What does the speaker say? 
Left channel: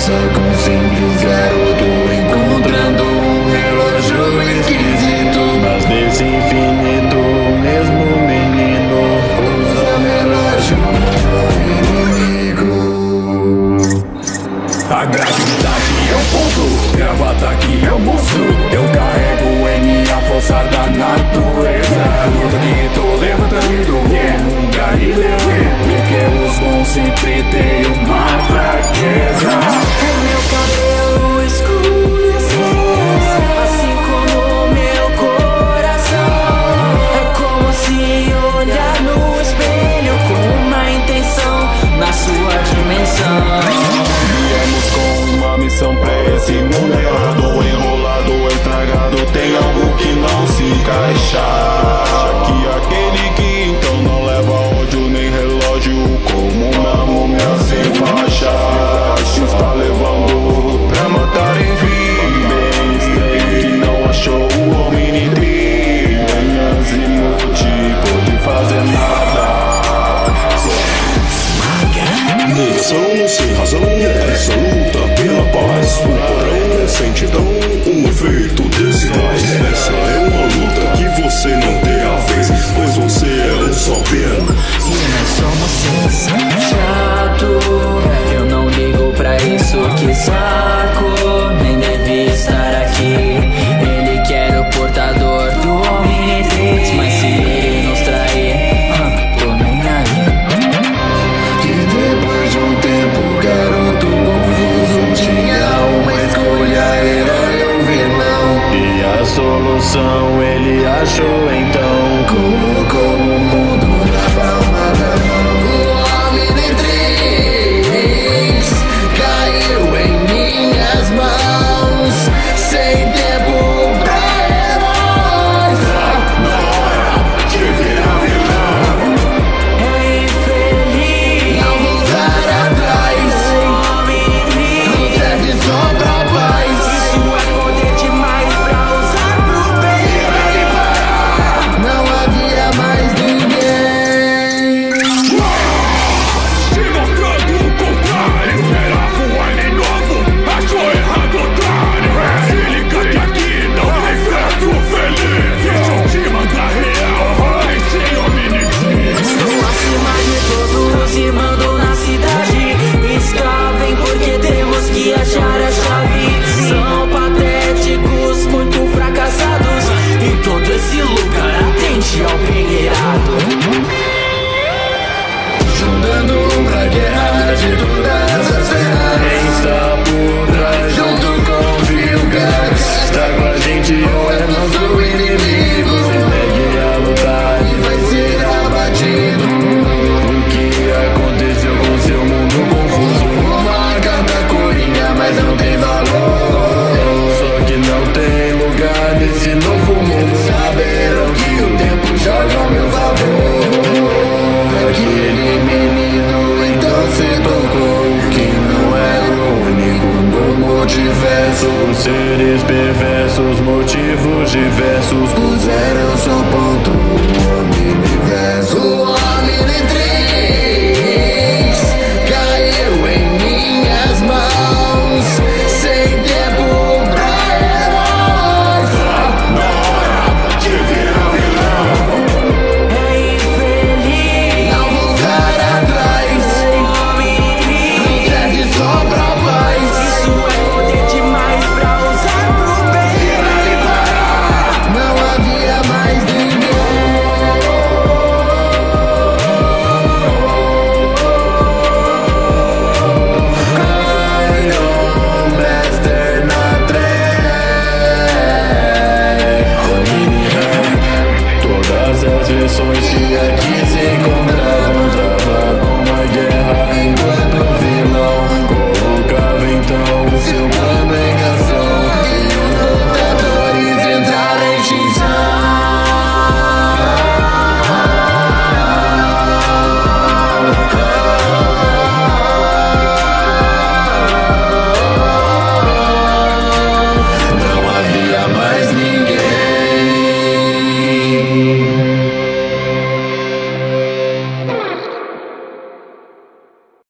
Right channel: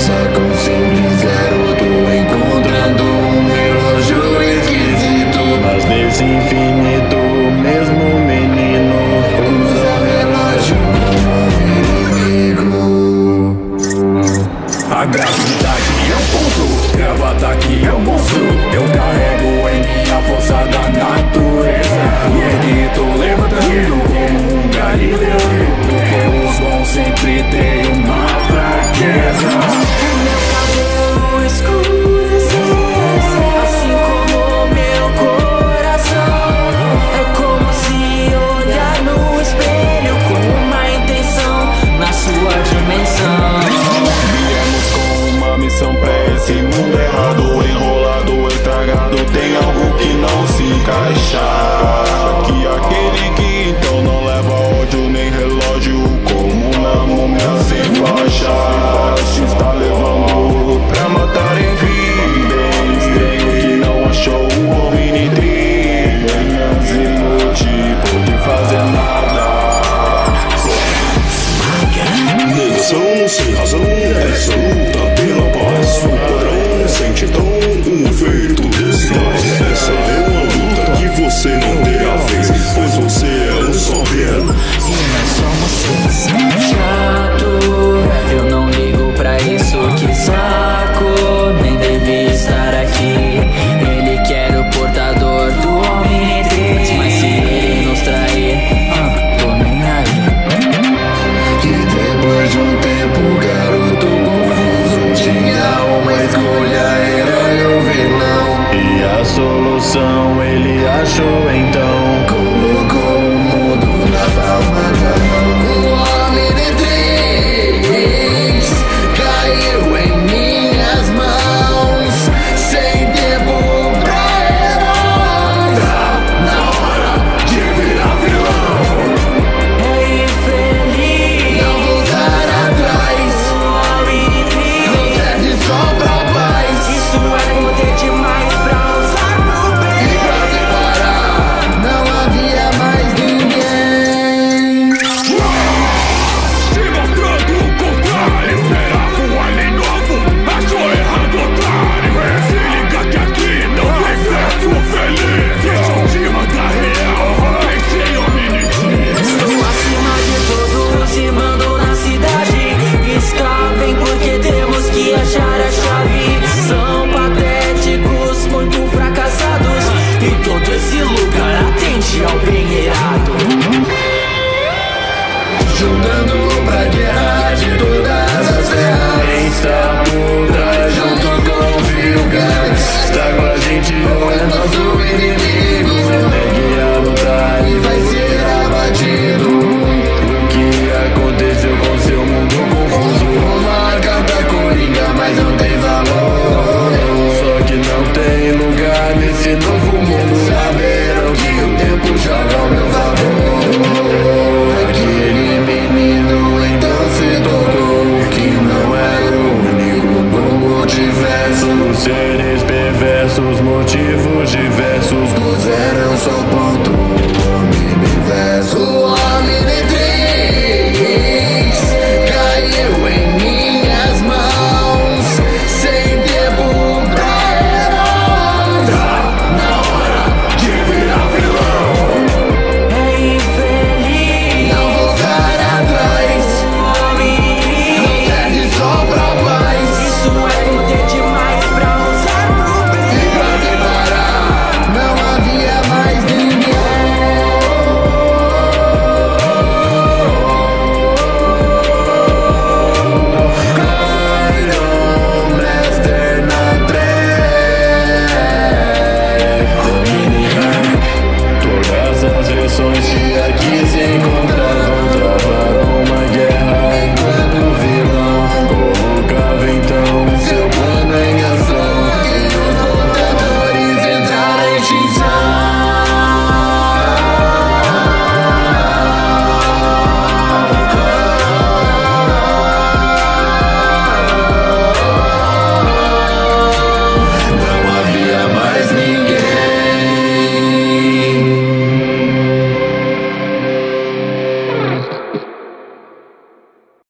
força com um simples garoto, encontrando um relógio esquisito. Mas nesse infinito, o mesmo menino usa o relógio como um inimigo. A gravidade é um ponto, gravo ataque é um monstro. Eu carrego em minha força da natureza. Tudo que tô levantando como um galileano, porque os bons sempre têm uma fraqueza. O meu cabelo escureceu, assim como o meu coração. É como se olhar no espelho com uma intenção na sua dimensão. Viemos com uma missão pra esse mundo errado, enrolado, estragado. Tem algo que não se encaixa. Que aquele que então não leva ódio nem relógio, como uma múmia sem faixa. Se está levando pra matar em vi. Bem estranho que não achou o Omnitri. Nem Azimuth pôde fazer nada. Negação sem razão, essa luta pela paz. O porão sente então o efeito desse gás. Essa é uma luta que você não terá vez, pois você é um só piano. E nós somos seis. Chato, eu não ligo pra isso, que saco. Nem devia estar aqui. Ele quer o portador do Omnitrix, mas se ele nos trair, tô nem aí. E depois de um tempo, garoto confuso tinha uma escolha, herói ou vilão. E a solução ele achou então, colocou o mundo na palma da mão. O Omnitrix caiu em minhas mãos, sem tempo pra heróis. Tá na hora de virar vilão. É infeliz Não voltar atrás, o Omnitrix não serve só pra paz. Isso é poder demais pra usar pro bem. Não havia mais ninguém. Se mostrando o contrário, esperava um alien novo, achou errado, otário. Se liga que aqui não tem verso feliz. Deixa eu te mandar real, pensei em Omnitrix. Estou acima de todos e mando na cidade. Escavem porque temos que achar a chave. São patéticos, muito fracassados, e todo esse lugar atende ao bem irado. Juntando pra guerra de todas as terras. Quem está por trás junto com o Vilgax está com a gente ou é nosso inimigo. Se negue a lutar e vai ser abatido. O que aconteceu com seu mundo confuso? Uma carta coringa, mas não tem valor. Só que não tem lugar nesse novo mundo. Saberão que o tempo joga ao meu favor. Aquele menino então se tocou que não era o único no multiverso. Os seres perversos, motivos diversos, puseram seu ponto o Omniverso. O Omnitrix caiu em minhas mãos, sem tempo pra heróis. Tá na hora de virar vilão. É infeliz Não voltar atrás, o Omnitrix não serve só pra paz. Isso é poder demais pra usar pro bem. Não havia mais ninguém. Iron Master na track. Omni Rap. Todas as versões que aqui se encontravam travaram uma guerra enquanto o vilão colocava então seu plano em ação. E os portadores entraram em extinção. Não havia mais ninguém.